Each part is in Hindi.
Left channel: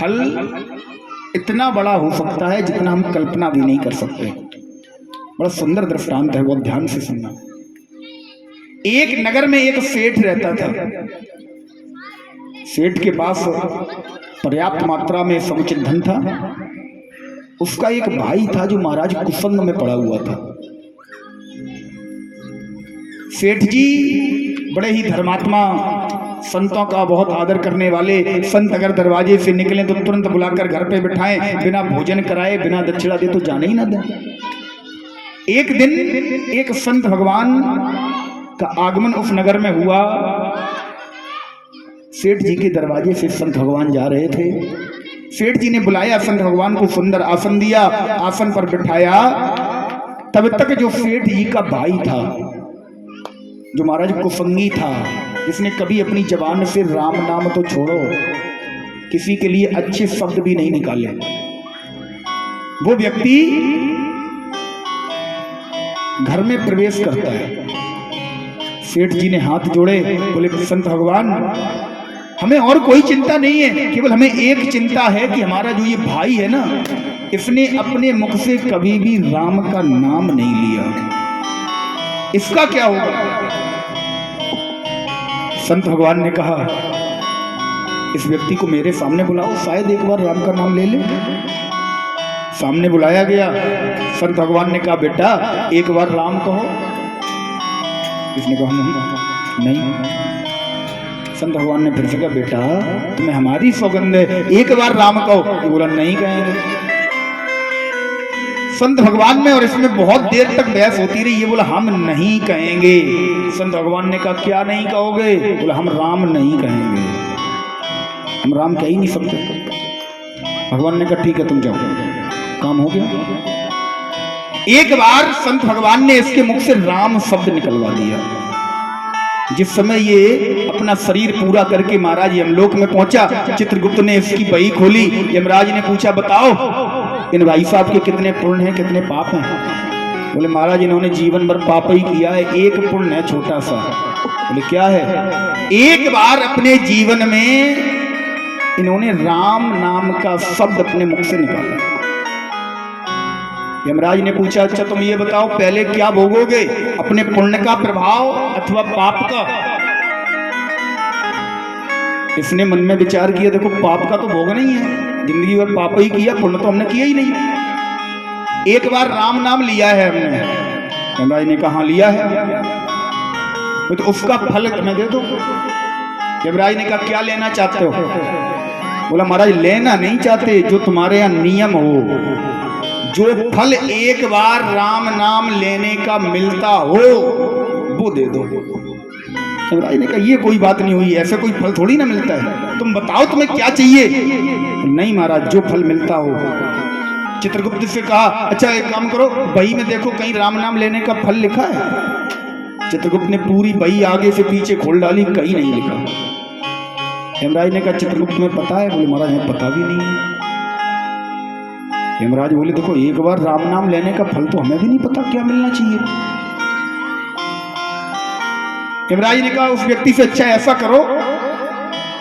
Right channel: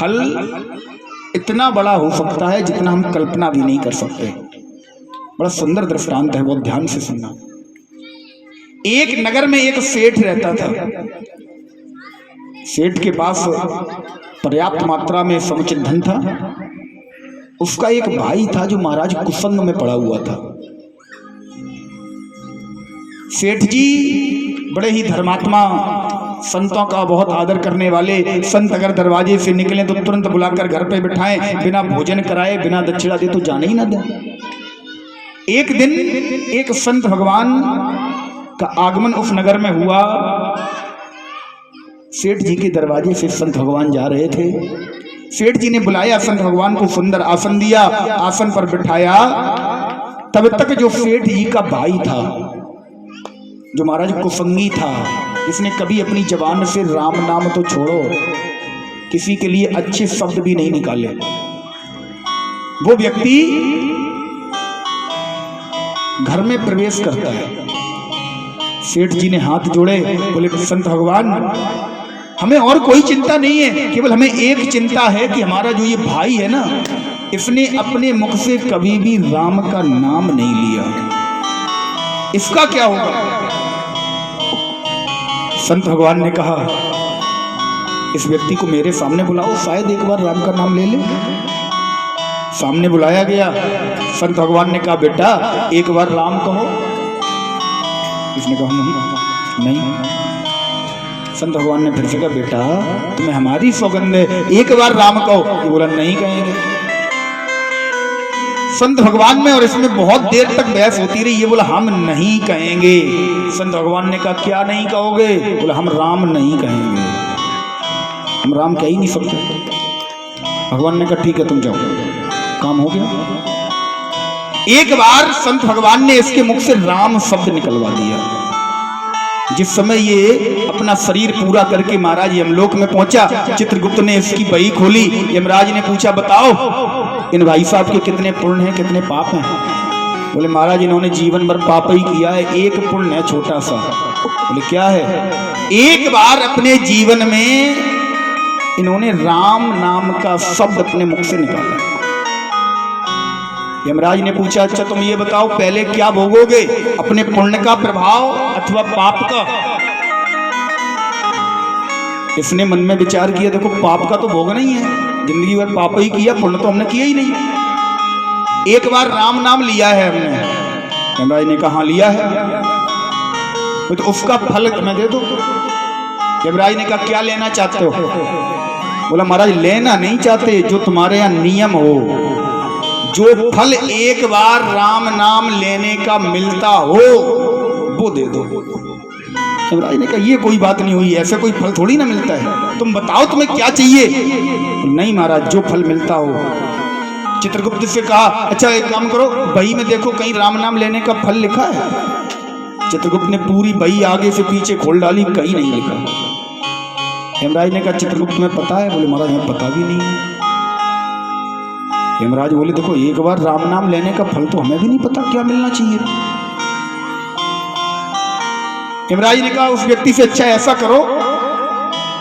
फल इतना बड़ा हो सकता है जितना हम कल्पना भी नहीं कर सकते। बड़ा सुंदर दृष्टांत है, बहुत ध्यान से सुनना। एक नगर में एक सेठ रहता था। सेठ के पास पर्याप्त मात्रा में समुचित धन था। उसका एक भाई था जो महाराज कुसंग में पड़ा हुआ था। सेठ जी बड़े ही धर्मात्मा, संतों का बहुत आदर करने वाले। संत अगर दरवाजे से निकले तो तुरंत बुलाकर घर पे बिठाएं, बिना भोजन कराए, बिना दक्षिणा दे तो जाने ही ना दें। एक दिन एक संत भगवान का आगमन उस नगर में हुआ। सेठ जी के दरवाजे से संत भगवान जा रहे थे। सेठ जी ने बुलाया संत भगवान को, सुंदर आसन दिया, आसन पर बिठाया। तब तक जो सेठ जी का भाई था, जो महाराज कुसंगी था, जिसने कभी अपनी जबान से राम नाम तो छोड़ो, किसी के लिए अच्छे शब्द भी नहीं निकाले, वो व्यक्ति घर में प्रवेश करता है। सेठ जी ने हाथ जोड़े, बोले संत भगवान हमें और कोई चिंता नहीं है, केवल हमें एक चिंता है कि हमारा जो ये भाई है ना, इसने अपने मुख से कभी भी राम का नाम नहीं लिया, इसका क्या होगा। संत भगवान ने कहा इस व्यक्ति को मेरे सामने बुलाओ, शायद एक बार राम का नाम ले ले। सामने बुलाया गया। संत भगवान ने कहा बेटा एक बार राम कहो। इसने कहा नहीं। संत भगवान ने फिर से कहा बेटा तुम्हें हमारी सौगंध है, एक बार राम कहो। ये बोला नहीं कहेंगे। संत भगवान में और इसमें बहुत देर तक बहस होती रही। ये बोला हम नहीं कहेंगे। संत भगवान ने कहा क्या नहीं कहोगे। बोला हम राम नहीं कहेंगे, हम राम कह ही नहीं सकते। भगवान ने कहा ठीक है तुम जाओ, काम हो गया। एक बार संत भगवान ने इसके मुख से राम शब्द निकलवा दिया। जिस समय ये अपना शरीर पूरा करके महाराज यमलोक में पहुंचा, चित्रगुप्त ने इसकी बही खोली। यमराज ने पूछा बताओ इन भाई साहब के कितने पुण्य हैं, कितने पाप हैं। बोले महाराज इन्होंने जीवन भर पाप ही किया है, एक पुण्य है छोटा सा। बोले क्या है। एक बार अपने जीवन में इन्होंने राम नाम का शब्द अपने मुख से निकाला। यमराज ने पूछा अच्छा तुम ये बताओ पहले क्या भोगोगे, अपने पुण्य का प्रभाव अथवा पाप का। इसने मन में विचार किया देखो पाप का तो भोग नहीं है, जिंदगी भर पाप ही किया, पुण्य तो हमने किया ही नहीं। एक बार राम नाम लिया है हमने। यमराज ने कहा लिया है तो उसका फल तुम्हें दे दो। यमराज ने कहा क्या लेना चाहते हो। बोला महाराज लेना नहीं चाहते, जो तुम्हारे यहाँ नियम हो, जो फल एक बार राम नाम लेने का मिलता हो वो दे दो। यमराज ने कहा ये कोई बात नहीं हुई, ऐसा कोई फल थोड़ी ना मिलता है, तुम बताओ तुम्हें क्या चाहिए। नहीं महाराज जो फल मिलता हो। चित्रगुप्त से कहा अच्छा एक काम करो बही में देखो कहीं राम नाम लेने का फल लिखा है। चित्रगुप्त ने पूरी बही आगे से पीछे खोल डाली, कहीं नहीं लिखा। यमराज ने कहा चित्रगुप्त में पता है। बोले महाराज हमें पता भी नहीं है। यमराज बोले देखो एक बार राम नाम लेने का फल तो हमें भी नहीं पता क्या मिलना चाहिए। यमराज ने कहा उस व्यक्ति से अच्छा ऐसा करो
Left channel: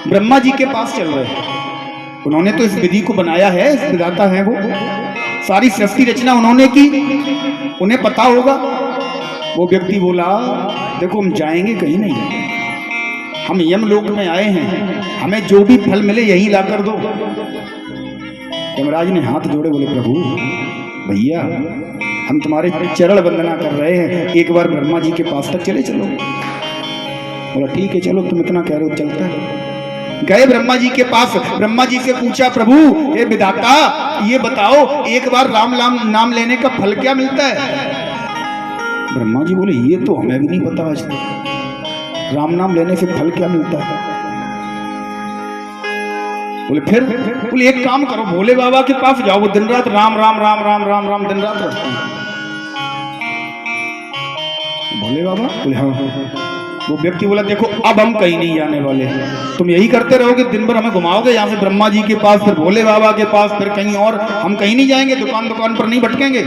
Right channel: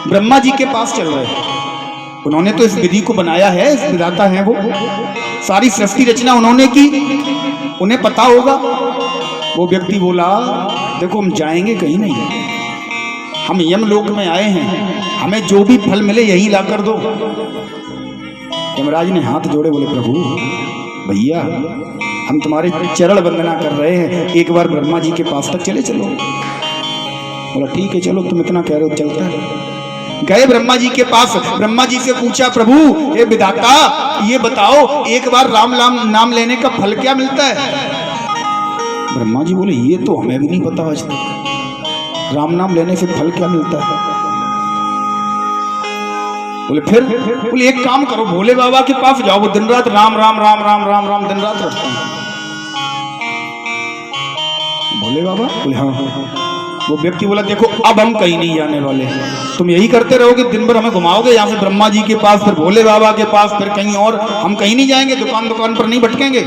ब्रह्मा जी के पास चल रहे, उन्होंने तो इस विधि को बनाया है, इस विधाता है वो, सारी सृष्टि रचना उन्होंने की, उन्हें पता होगा। वो व्यक्ति बोला देखो हम जाएंगे कहीं नहीं, हम यमलोक में आए हैं, हमें जो भी फल मिले यहीं ला कर दो। यमराज ने हाथ जोड़े, बोले प्रभु भैया हम तुम्हारे चरण वंदना कर रहे हैं, एक बार ब्रह्मा जी के पास तक चले चलो। बोला ठीक है चलो तुम इतना कह रहे हो चलता है। गए ब्रह्मा जी के पास, ब्रह्मा जी से पूछा प्रभु हे विधाता ये बताओ एक बार राम नाम लेने का फल क्या मिलता है। ब्रह्मा जी बोले ये तो हमें भी नहीं पता आज तक, राम नाम लेने से फल क्या मिलता है। बोले फिर। बोले एक काम करो भोले बाबा के पास जाओ, वो दिन रात राम राम राम राम राम राम दिन रात रखते हैं। भोले बाबा बोले हाँ। वो व्यक्ति बोला देखो अब हम कहीं नहीं जाने वाले, तुम यही करते रहोगे, दिन भर हमें घुमाओगे यहाँ से ब्रह्मा जी के पास, फिर भोले बाबा के पास, फिर कहीं और, हम कहीं नहीं जाएंगे, दुकान पर नहीं भटकेंगे,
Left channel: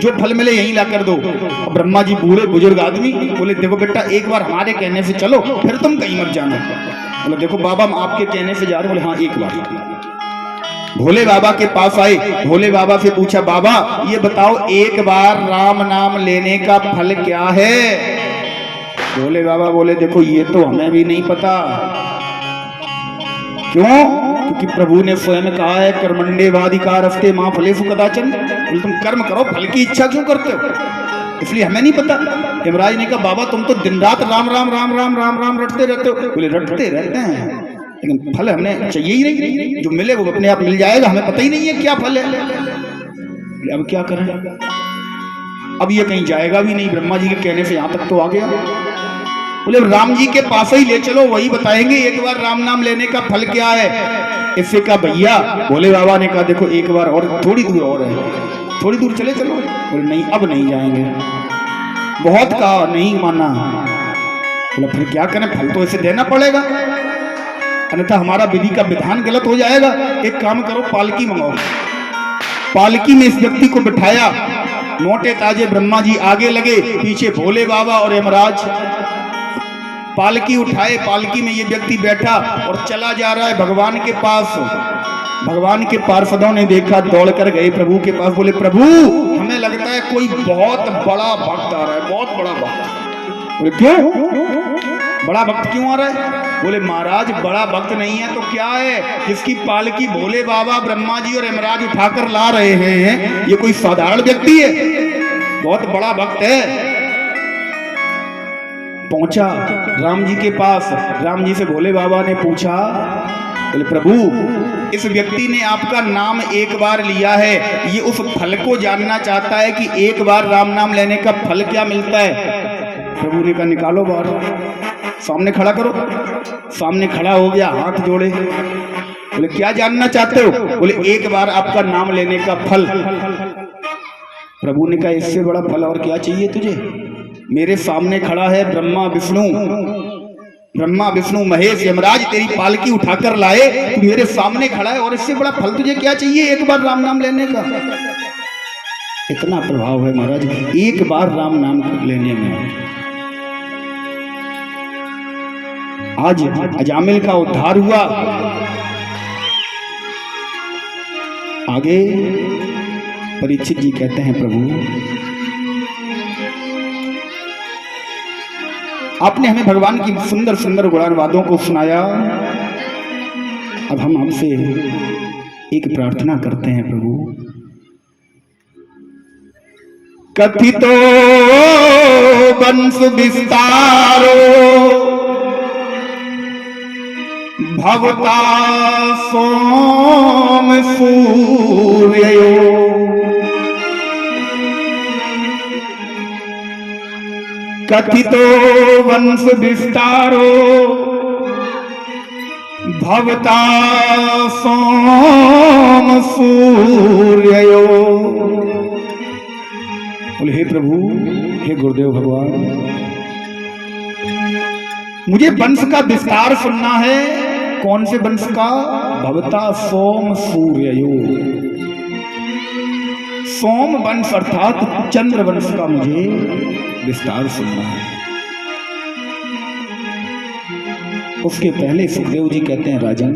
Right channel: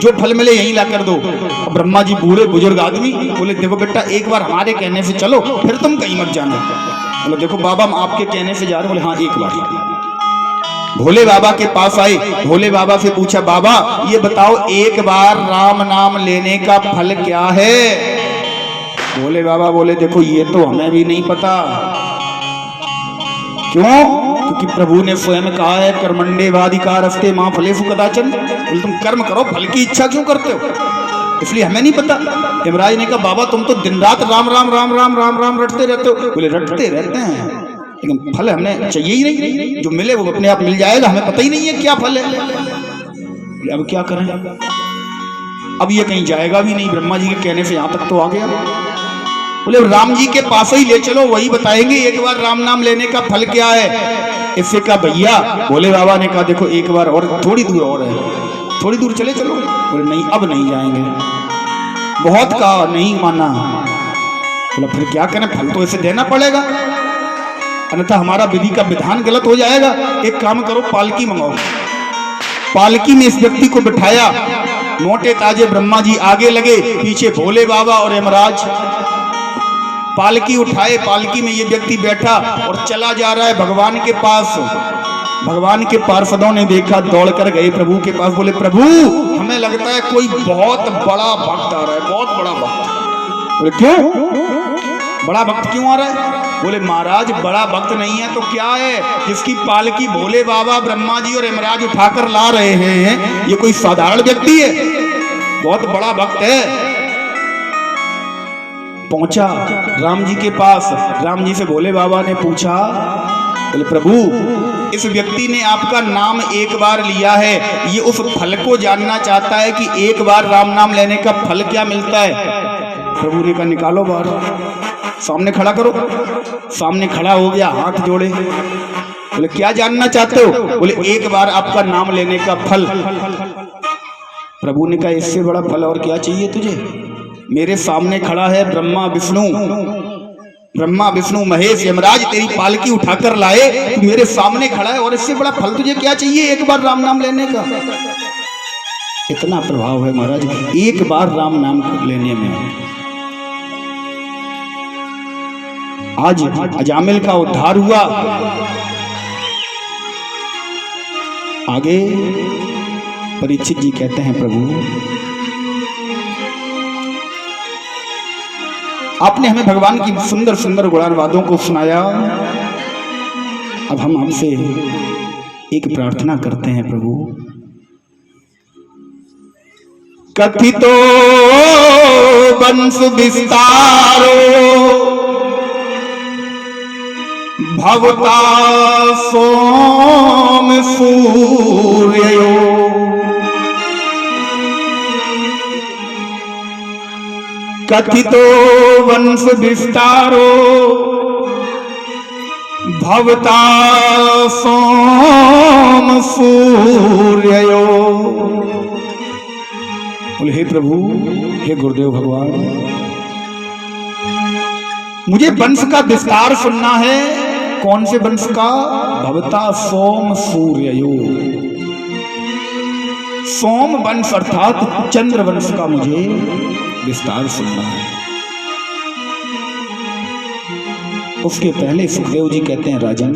जो फल मिले यहीं ला कर दो। अब ब्रह्मा जी बूढ़े बुजुर्ग आदमी बोले देखो बेटा एक बार हमारे कहने से चलो, फिर तुम कहीं मत जाना। बोले देखो बाबा हम आपके कहने से जा रहे हैं। बोले हाँ एक बार। भोले बाबा के पास आए, भोले बाबा से पूछा बाबा ये बताओ एक बार राम नाम लेने का फल क्या है? भोले बाबा बोले देखो ये तो हमें भी नहीं पता। क्यों? क्योंकि प्रभु ने स्वयं कहा है कर्मण्येवाधिकारस्ते मां फलेषु कदाचन। बोले तुम कर्म करो, फल की इच्छा क्यों करते हो? इसलिए हमें नहीं पता। यमराज ने कहा बाबा तुम तो दिन रात राम राम राम राम राम राम रटते रहते हो। बोले रटते रहते हैं लेकिन फल हमें चाहिए ही नहीं, जो मिले वो अपने आप मिल जाएगा, हमें पता ही नहीं है क्या फल है। बोले अब क्या करें? अब ये कहीं जाएगा भी नहीं, ब्रह्मा जी के कहने से यहां तक तो आ गया। बोले राम जी के पास ही ले चलो, वही बताएंगे एक बार राम नाम लेने का फल क्या है। इससे कहा भैया, भोले बाबा ने कहा देखो एक बार और, थोड़ी दूर और है, थोड़ी दूर चले चलो। बोले नहीं अब नहीं जाएंगे, बहुत कहा नहीं माना। बोला फिर क्या करें, फल तो ऐसे देना पड़ेगा, अन्यथा हमारा विधि का विधान गलत हो जाएगा। एक काम करो पालकी मंगाओ। पालकी में इस व्यक्ति को बिठाया, मोटे ताजे ब्रह्मा जी आगे लगे, पीछे भोले बाबा और यमराज। पालकी उठाए, पालकी में ये व्यक्ति बैठा और चला जा रहा है भगवान के पास। भगवान के पार्षदों ने देखा, दौड़कर गए प्रभु के पास। बोले प्रभु हमें लगता है कोई बहुत बड़ा भक्त आ रहा है, बहुत बड़ा भक्त। बोले क्यों? बड़ा भक्त क्यों आ रहा है? बोले महाराज बड़ा भक्त नहीं है तो क्या है, जिसकी पालकी भोले बाबा ब्रह्मा जी और यमराज उठाकर ला रहे हैं ये कोई साधारण व्यक्ति है, बहुत बड़ा भक्त है। पहुंचा राम जी के पास, राम जी से भोले बाबा ने पूछा, बोले प्रभु इस व्यक्ति ने आपका नाम एक बार लिया है, ये उस फल को जानना चाहता है कि एक बार राम नाम लेने का फल क्या मिलता है। प्रभु ने कहा निकालो बाहर, सामने खड़ा करो। सामने खड़ा हो गया, हाथ जोड़े। बोले क्या जानना चाहते हो? बोले एक बार आपका नाम लेने का फल। प्रभु ने कहा इससे बड़ा फल और क्या चाहिए तुझे? मेरे सामने खड़ा है ब्रह्मा विष्णु महेश यमराज, तेरी पालकी उठाकर लाए, तू मेरे सामने खड़ा है और इससे बड़ा फल तुझे क्या चाहिए एक बार राम नाम लेने का? इतना प्रभाव है महाराज एक बार राम नाम लेने में। आज अजामिल का उद्धार हुआ। आगे परीक्षित जी कहते हैं प्रभु आपने हमें भगवान की सुंदर सुंदर गुणानुवादों को सुनाया, अब हम आपसे एक प्रार्थना करते हैं प्रभु। कथितो वंश विस्तारो भवता सोम सूर्यो, कथितो वंश विस्तारो भवता सोम सूर्यो। बोले हे प्रभु, हे गुरुदेव भगवान, मुझे वंश का विस्तार सुनना है। कौन से वंश का? भवता सोम सूर्यो, सोम वंश अर्थात चंद्र वंश का मुझे विस्तार सुनना है। उसके पहले सुखदेव जी कहते हैं राजन,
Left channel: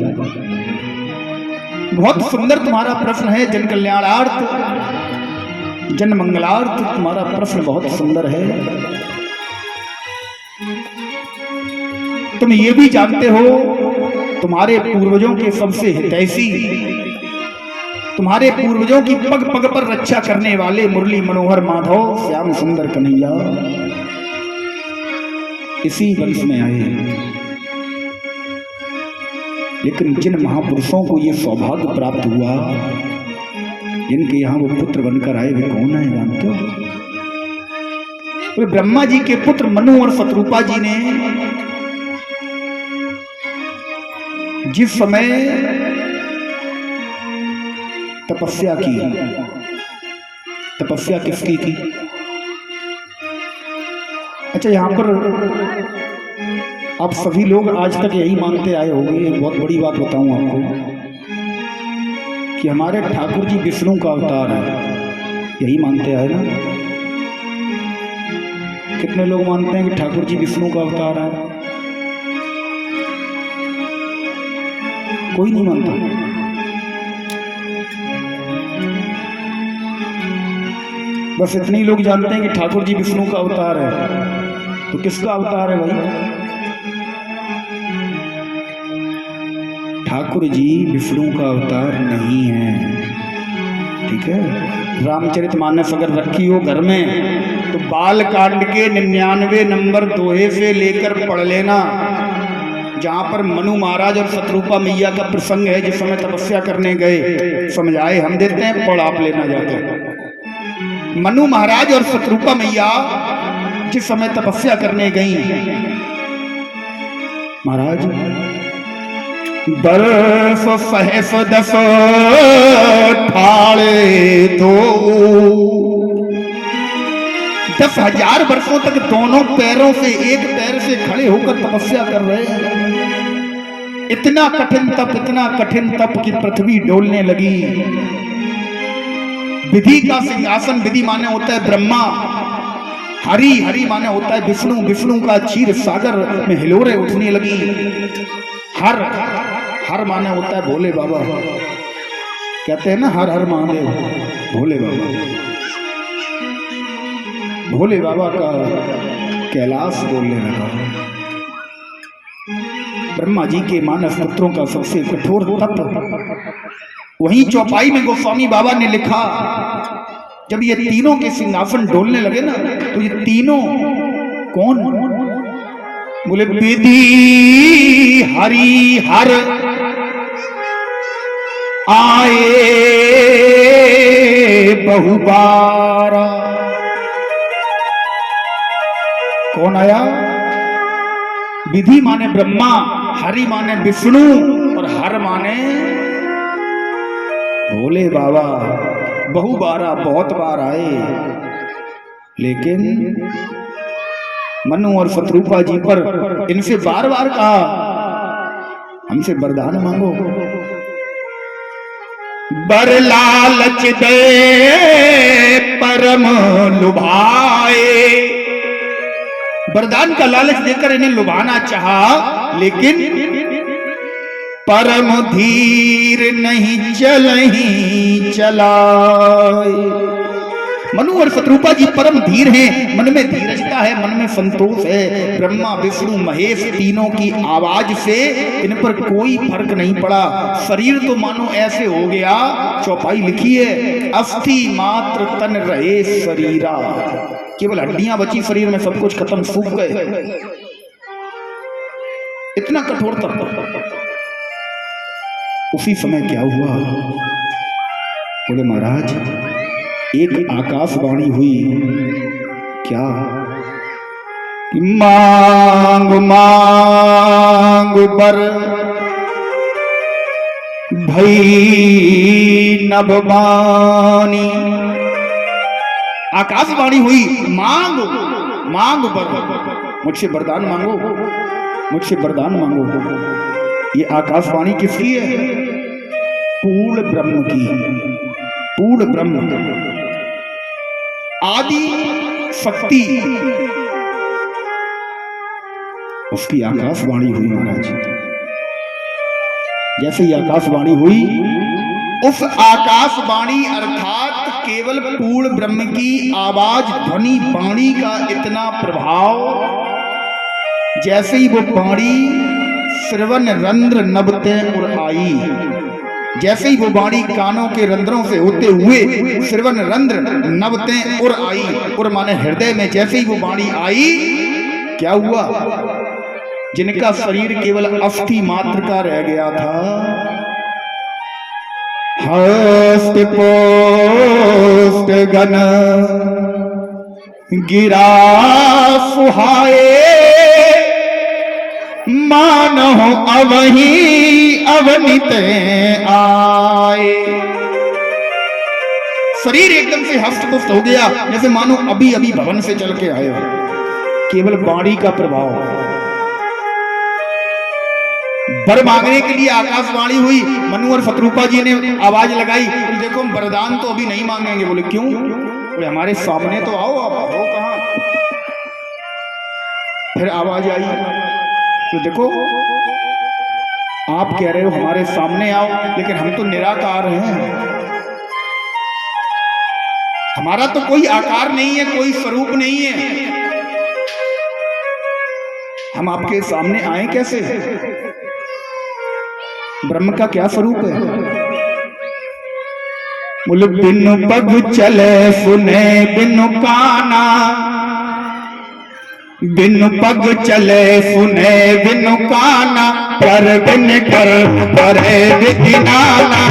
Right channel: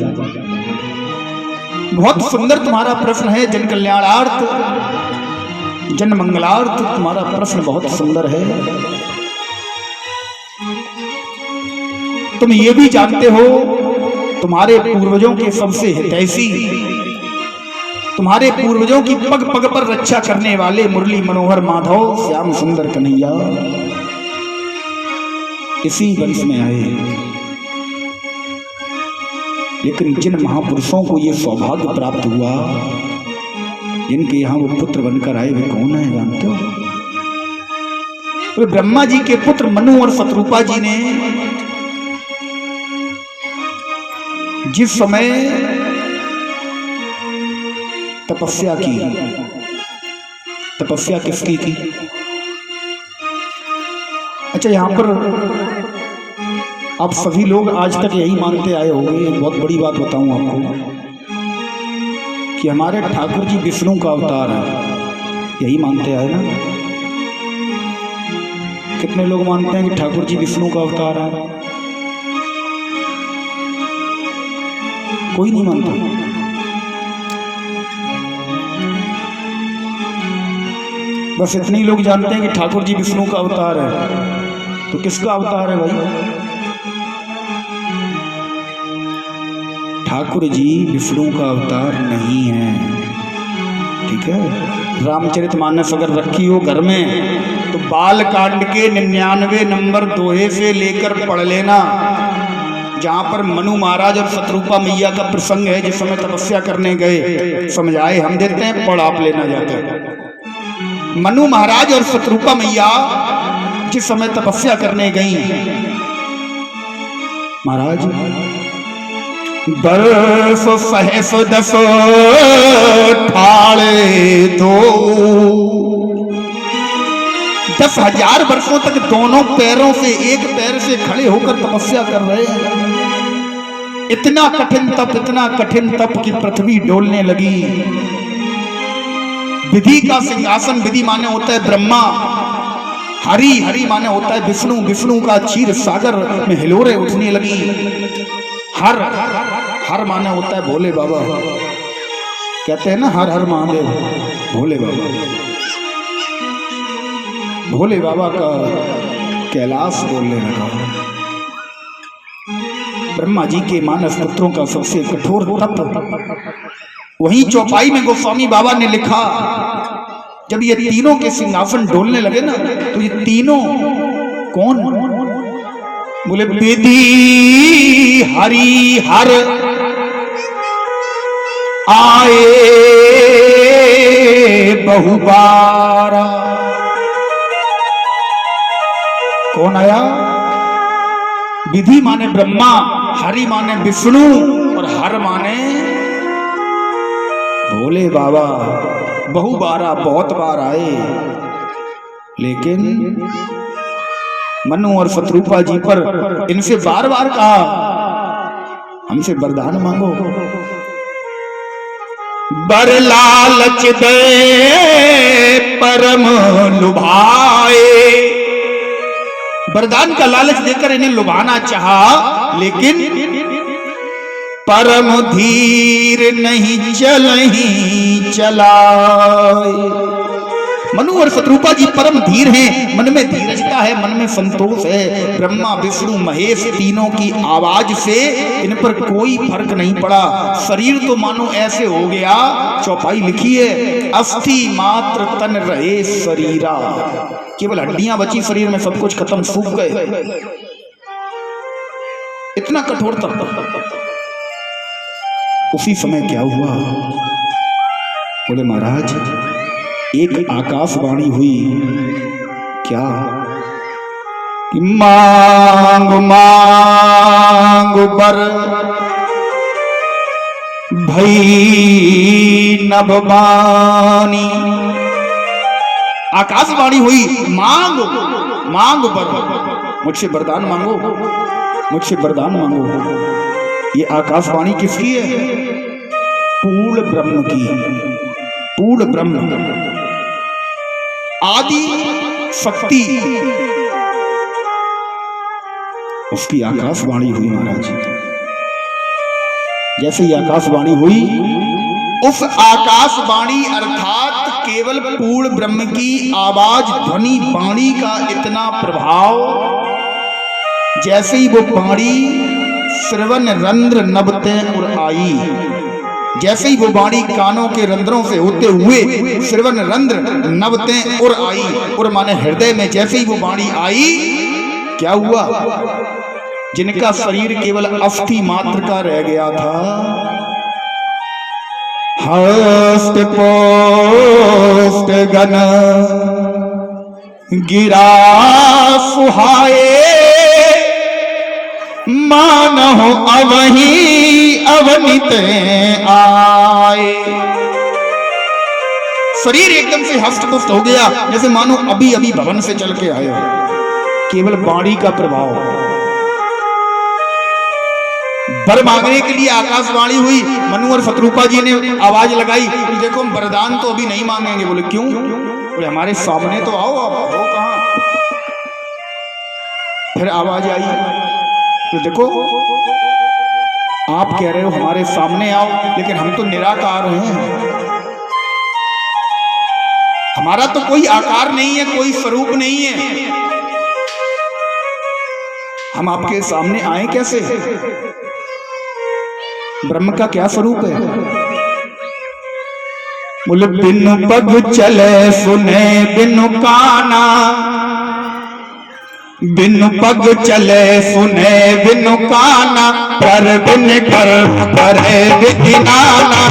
बहुत सुंदर तुम्हारा प्रश्न है, जन कल्याणार्थ जन मंगलार्थ तुम्हारा प्रश्न बहुत सुंदर है। तुम ये भी जानते हो तुम्हारे पूर्वजों के सबसे हितैषी, तुम्हारे पूर्वजों की पग पग पर रक्षा करने वाले मुरली मनोहर माधव श्याम सुंदर कन्हैया इसी वंश में आए। लेकिन जिन महापुरुषों को ये सौभाग्य प्राप्त हुआ, जिनके यहाँ वो पुत्र बनकर आए, वे कौन है जानते हो? तो ब्रह्मा जी के पुत्र मनु और शत्रुपा जी ने जिस समय तपस्या की, तपस्या किसकी की? अच्छा, यहां पर आप सभी लोग आज तक यही मानते आए होंगे, एक बहुत बड़ी बात बताऊं आपको, कि हमारे ठाकुर जी विष्णु का अवतार है। यही मानते आए ना? कितने लोग मानते हैं कि ठाकुर जी विष्णु का अवतार है? कोई नहीं मानता। बस इतने ही लोग जानते हैं कि ठाकुर जी विष्णु का अवतार है। तो किसका अवतार है भाई? ठाकुर जी विष्णु का अवतार नहीं है, ठीक है। रामचरितमानस अगर रखी हो घर में तो बाल कांड के 99 नंबर दोहे से लेकर पढ़ लेना, जहां पर मनु महाराज और शत्रुपा मैया का प्रसंग है, जिस समय तपस्या करने गए। समझाए हम देते हैं, पढ़ आप लेना जाकर। मनु महाराज और शत्रुपा मैया जिस समय तपस्या करने गई, महाराज दस सहस दस ठाड़े दो, 10,000 वर्षों तक दोनों पैरों से एक पैर से खड़े होकर तपस्या कर रहे हैं। इतना कठिन तप की पृथ्वी डोलने लगी। विधि का सिंहासन, विधि माने होता है ब्रह्मा, हरि माने होता है विष्णु, विष्णु का क्षीर सागर में हिलोरे उठने लगी। हर माने होता है भोले बाबा, कहते हैं ना हर हर महादेव, भोले बाबा। भोले बाबा का कैलाश बोलने लगा। ब्रह्मा जी के मानस पुत्रों का सबसे कठोर तप। वहीं चौपाई में गोस्वामी बाबा ने लिखा, जब ये तीनों के सिंहासन डोलने लगे ना, तो ये तीनों कौन? बोले विधि हरि हर आए बहुबारा। कौन आया? विधि माने ब्रह्मा, हरि माने विष्णु और हर माने भोले बाबा। बहुबारा, बहुत बार आए। लेकिन मनु और शत्रुपा जी पर इनसे बार बार कहा, हमसे वरदान मांगो। बर लालच दे परम लुभाए। वरदान का लालच देकर इन्हें लुभाना चाहा, लेकिन परम धीर नहीं चलही चलाए। मनु और शत्रुपा जी परम धीर हैं, मन में धीरजता है, मन में संतोष है। ब्रह्मा विष्णु महेश तीनों की आवाज से इन पर कोई फर्क नहीं पड़ा। शरीर तो मानो ऐसे हो गया, चौपाई लिखी है, अस्थि मात्र तन रहे शरीरा। केवल हड्डियां बची शरीर में, सब कुछ खत्म, सूख गए। इतना कठोर तप। उसी समय क्या हुआ? बोले महाराज एक आकाशवाणी हुई। क्या? कि मांग मांग बर भई नभवानी। आकाशवाणी हुई, मांग मांग बर, मुझसे वरदान मांगो, मुझसे वरदान मांगो। ये आकाशवाणी किसकी है? पूर्ण ब्रह्म की। पूर्ण ब्रह्म, आदि शक्ति, उसकी आकाशवाणी हुई महाराज। जैसे ही आकाशवाणी हुई, उस आकाशवाणी अर्थात केवल पूर्ण ब्रह्म की आवाज, ध्वनि, वाणी का इतना प्रभाव, जैसे ही वो वाणी श्रवण रंध्र नभते और आई, जैसे ही वो वाणी कानों के रंध्रों से होते हुए श्रवण रंध्र नभते और आई, और माने हृदय में जैसे ही वो वाणी आई, क्या हुआ? जिनका शरीर केवल अस्थि मात्र का रह गया था, हस्त पोस्ट गन गिरा सुहाए, मानो अवही अवनित आए। शरीर एकदम से हस्त पुष्ट हो गया, जैसे मानो अभी अभी भवन से चल के आए हो। केवल वाणी का प्रभाव। वर मांगने के लिए आकाशवाणी हुई। मनु और शत्रुपा जी ने आवाज लगाई, देखो वरदान तो अभी नहीं मांगेंगे। बोले क्यों? बोले हमारे सामने तो आओ। अब हो कहां? फिर आवाज आई, तो देखो आप कह रहे हो हमारे सामने आओ, लेकिन हम तो निराकार हैं, हमारा तो कोई आकार नहीं है, कोई स्वरूप नहीं है, हम आपके सामने आए कैसे? ब्रह्म का क्या स्वरूप है? बोले बिनु पग चले सुने बिनु काना, बिनु पग चले सुने बिनु काना, पर बिन कर्म करे विधि नाना।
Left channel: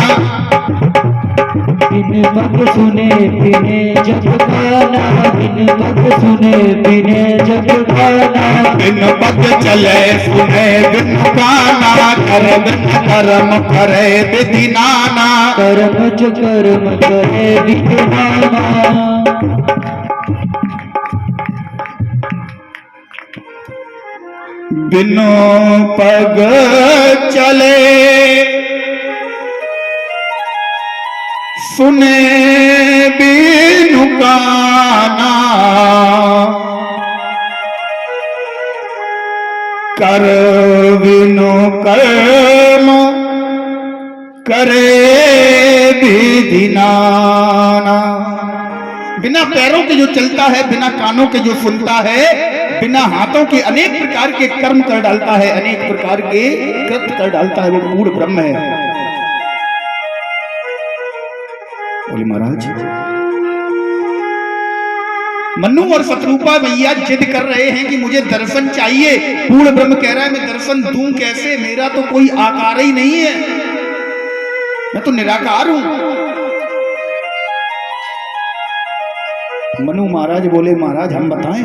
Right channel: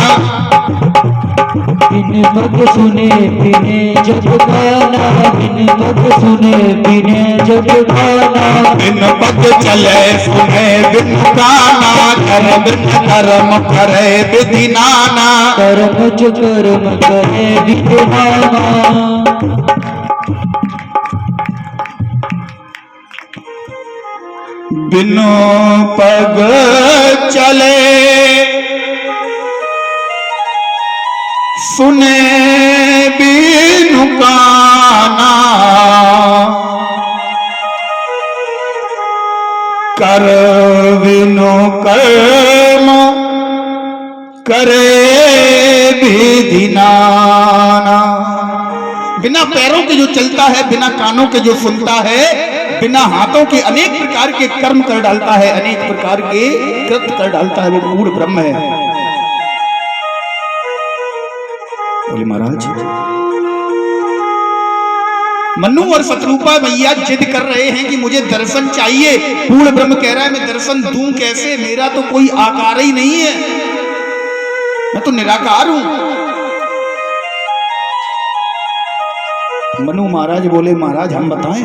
बिन पग सुने बिने जग गाना, बिन पग सुने बिने जग गाना। बिन पग चले सुने बिनु काना, कर बिन कर्म करे विधि नाना। कर्म च कर्म करे विधि नाना। बिनु पग चले सुने बिनु काना, कर बिनु कर्म करे विधि नाना। बिना पैरों के जो चलता है, बिना कानों के जो सुनता है, बिना हाथों के अनेक प्रकार के कर्म कर डालता है, अनेक प्रकार के कृत्य कर डालता है, वो पूर्ण ब्रह्म है। बोले महाराज, मनु और शत्रुपा मैया जिद कर रहे हैं कि मुझे दर्शन चाहिए। पूर्ण ब्रह्म कह रहा है मैं दर्शन दूं कैसे, मेरा तो कोई आकार ही नहीं है, मैं तो निराकार हूं। मनु महाराज बोले महाराज हम बताएं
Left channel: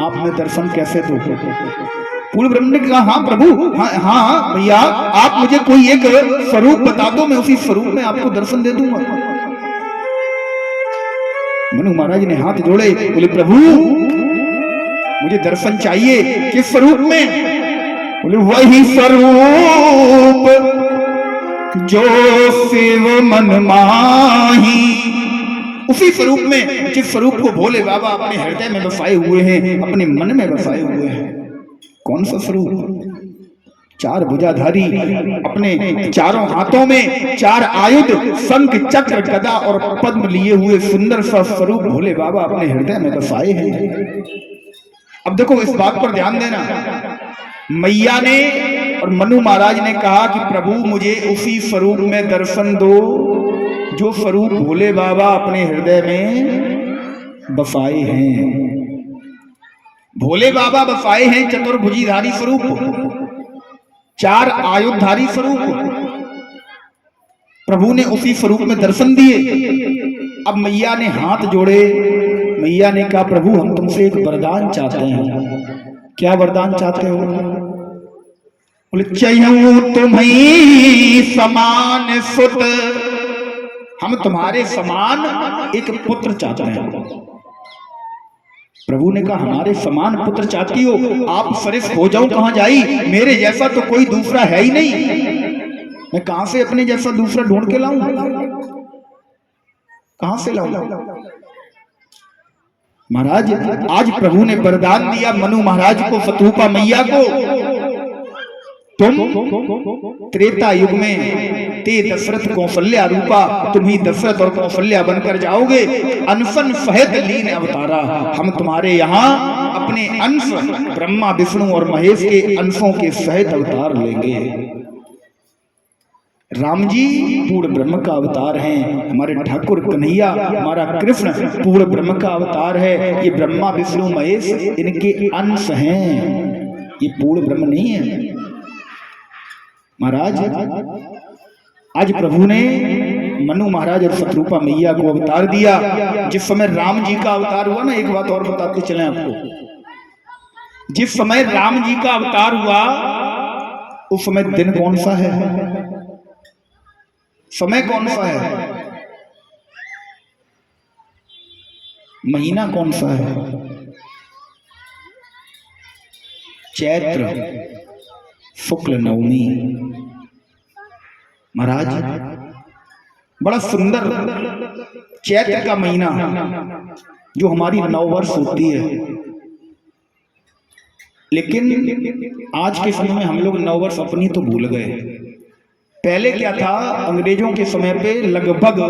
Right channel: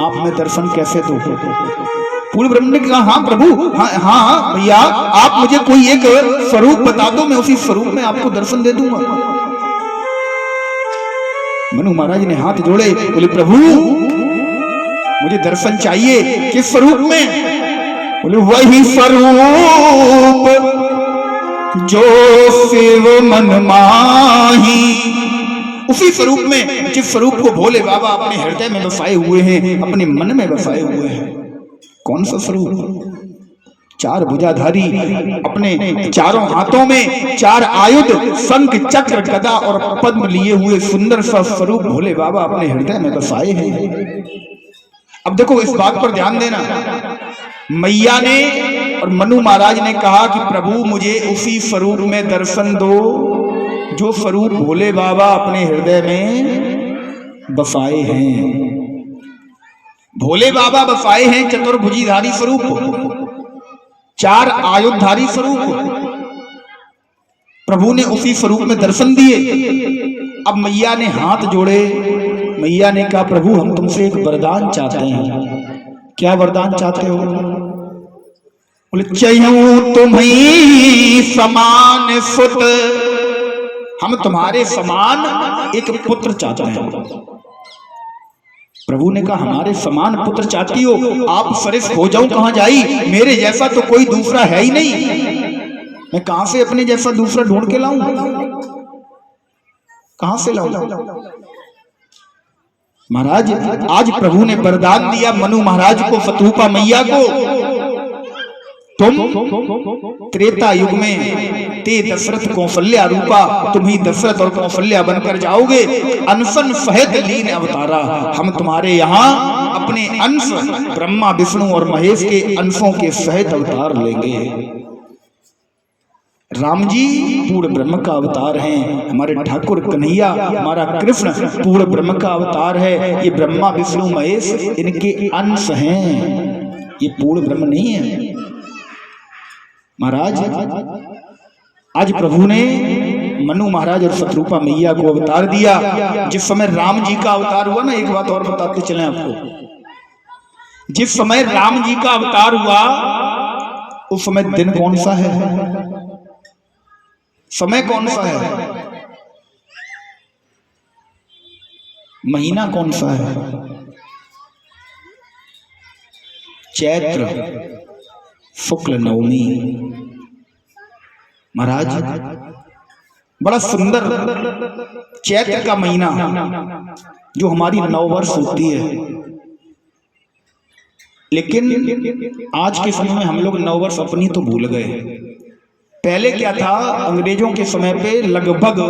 आप में दर्शन कैसे दो? पूर्ण ब्रह्म ने कहा हाँ प्रभु, हाँ भैया, आप मुझे कोई एक स्वरूप बता दो, मैं उसी स्वरूप में आपको दर्शन दे दूंगा। मनु महाराज ने हाथ जोड़े, बोले प्रभु मुझे दर्शन चाहिए। किस स्वरूप में? बोले वही स्वरूप जो शिव मन माही। उसी स्वरूप में जिस स्वरूप को भोले बाबा अपने हृदय में बसाए हुए हैं, अपने मन में बसाए हुए हैं। कौन सा स्वरूप? चार भुजाधारी, अपने चारों हाथों में चार आयुध, शंख चक्र गदा और पद्म लिए हुए सुंदर सा स्वरूप भोले बाबा अपने हृदय में बसाए हैं। अब देखो इस बात पर ध्यान देना, मैया ने और मनु महाराज ने कहा कि प्रभु मुझे उसी स्वरूप में दर्शन दो जो स्वरूप भोले बाबा अपने हृदय में बसाए हैं। भोले बाबा बसाए हैं चतुर्भुजीधारी स्वरूप, चार आयुधधारी स्वरूप। प्रभु ने उसी स्वरूप में दर्शन दिए। अब मैया ने हाथ जोड़े, मैया ने कहा प्रभु हम तुमसे एक वरदान चाहते हैं। क्या वरदान चाहते हो? बोले चयूं तुम्हीं समान सुत, हम तुम्हारे समान एक पुत्र चाहते हैं। प्रभु ने कहा हमारे समान पुत्र चाहती हो? आप सरिस हो जाऊं कहां जाई, मेरे जैसा तो कोई दूसरा है ही नहीं, मैं कहां से अपने जैसा दूसरा ढूंढ के लाऊं? कहां से लाऊं? महाराज आज प्रभु ने वरदान दिया मनु महाराज को, शत्रुपा मैया को, तुम त्रेता युग में ते दशरथ कौशल्या रूपा, तुम ही दशरथ और कौशल्या बनकर जाओगे। अनशन सहित लीन अवतारा, हम तुम्हारे यहाँ अपने अंश ब्रह्मा विष्णु और महेश के अंशों के सहित अवतार लेंगे। राम जी पूर्ण ब्रह्म का अवतार हैं, हमारे ठाकुर कन्हैया हमारा कृष्ण पूर्ण ब्रह्म का अवतार है। ये ब्रह्मा विष्णु महेश इनके अंश हैं, ये पूर्ण ब्रह्म नहीं है। महाराज आज प्रभु ने मनु महाराज और शत्रुपा मैया को अवतार दिया। जिस समय राम जी का अवतार हुआ ना, एक बात और बताते चलें आपको, जिस समय राम जी का अवतार हुआ उस समय दिन कौन सा है, समय कौन सा है, महीना कौन सा है? चैत्र शुक्ल नवमी। महाराज बड़ा सुंदर चैत्र का महीना जो हमारी नववर्ष होती है, लेकिन आज के समय में हम लोग नववर्ष अपनी तो भूल गए। पहले क्या था, अंग्रेजों के समय पे लगभग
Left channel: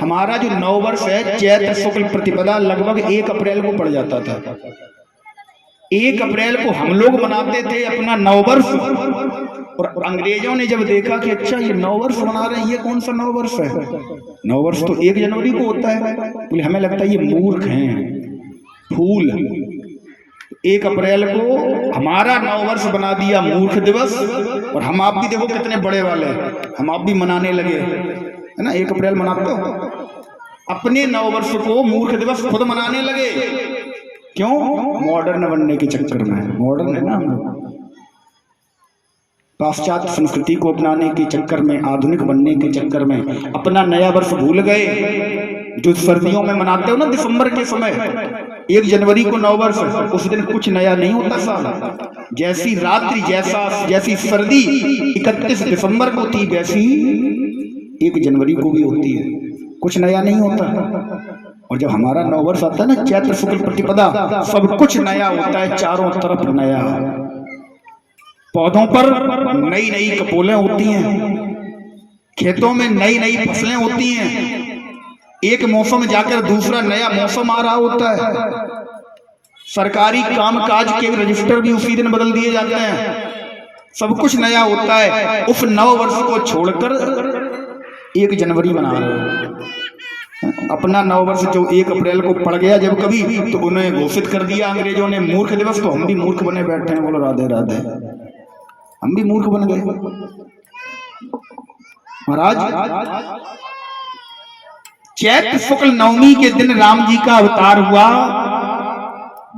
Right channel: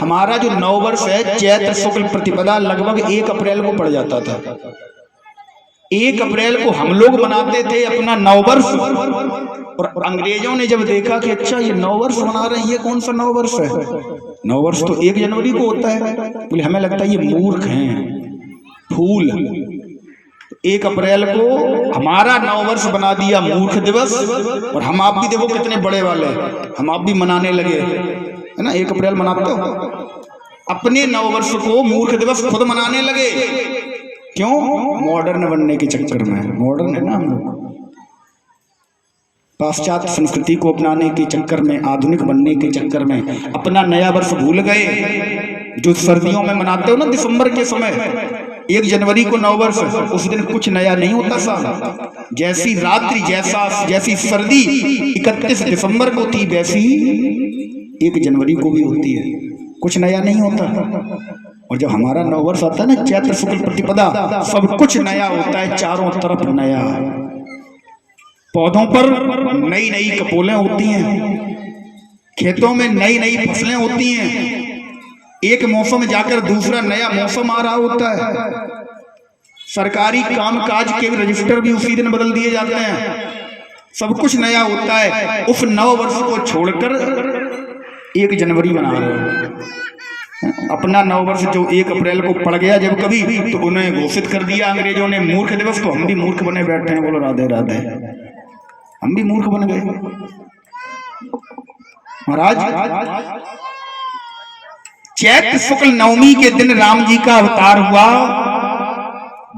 हमारा जो नववर्ष है चैत्र शुक्ल प्रतिपदा लगभग 1 अप्रैल को पड़ जाता था। 1 अप्रैल को हम लोग मनाते थे अपना नववर्ष, और अंग्रेजों ने जब देखा कि अच्छा ये नववर्ष मना रहे हैं, ये कौन सा नववर्ष है, नववर्ष तो 1 जनवरी को होता है, बोले हमें लगता है ये मूर्ख हैं फूल। 1 अप्रैल को हमारा नववर्ष बना दिया मूर्ख दिवस, और हम आप भी देखो कितने बड़े वाले, हम आप भी मनाने लगे, है ना। 1 अप्रैल मनाते हो, अपने नववर्ष को मूर्ख दिवस खुद मनाने लगे। क्यों? मॉडर्न बनने के चक्कर में। मॉडर्न है ना हम लोग, पाश्चात्य संस्कृति को अपनाने के चक्कर में, आधुनिक बनने के चक्कर में अपना नया वर्ष भूल गए। जो सर्दियों में मनाते हो ना दिसंबर के समय, 1 जनवरी को नववर्ष, उस दिन कुछ नया नहीं होता साहब। जैसी रात्रि जैसी सर्दी 31 दिसंबर को थी, वैसी 1 जनवरी को भी होती है, कुछ नया नहीं होता। और जब हमारा नववर्ष आता है ना चैत्र शुक्ल प्रतिपदा, सब कुछ नया होता है, चारों तरफ नया। पौधों पर नई नई कपोलें होती हैं, खेतों में नई नई फसलें होती हैं, एक मौसम जाकर दूसरा नया मौसम आ रहा होता है। सरकारी कामकाज के रजिस्टर भी उसी दिन बदल दिए जाते हैं, सब कुछ नया होता है। उस नव वर्ष को छोड़कर 1 जनवरी मना रहे हैं। अपना नव वर्ष जो 1 अप्रैल को पड़ गया जब कभी, तो उन्हें घोषित कर दिया अंग्रेजों ने मूर्ख दिवस, तो हम भी मूर्ख बने बैठे हैं। बोलो राधे राधे, हम भी मूर्ख बन गए महाराज। चैत्र शुक्ल नवमी के दिन राम जी का अवतार हुआ।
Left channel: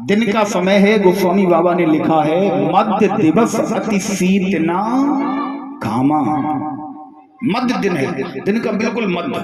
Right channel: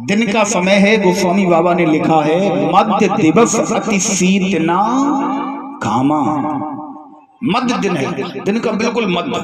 दिन का समय है, गोस्वामी बाबा ने लिखा है, मध्य दिवस अति शीत ना घामा। मध्य दिन है, दिन का बिल्कुल मध्य।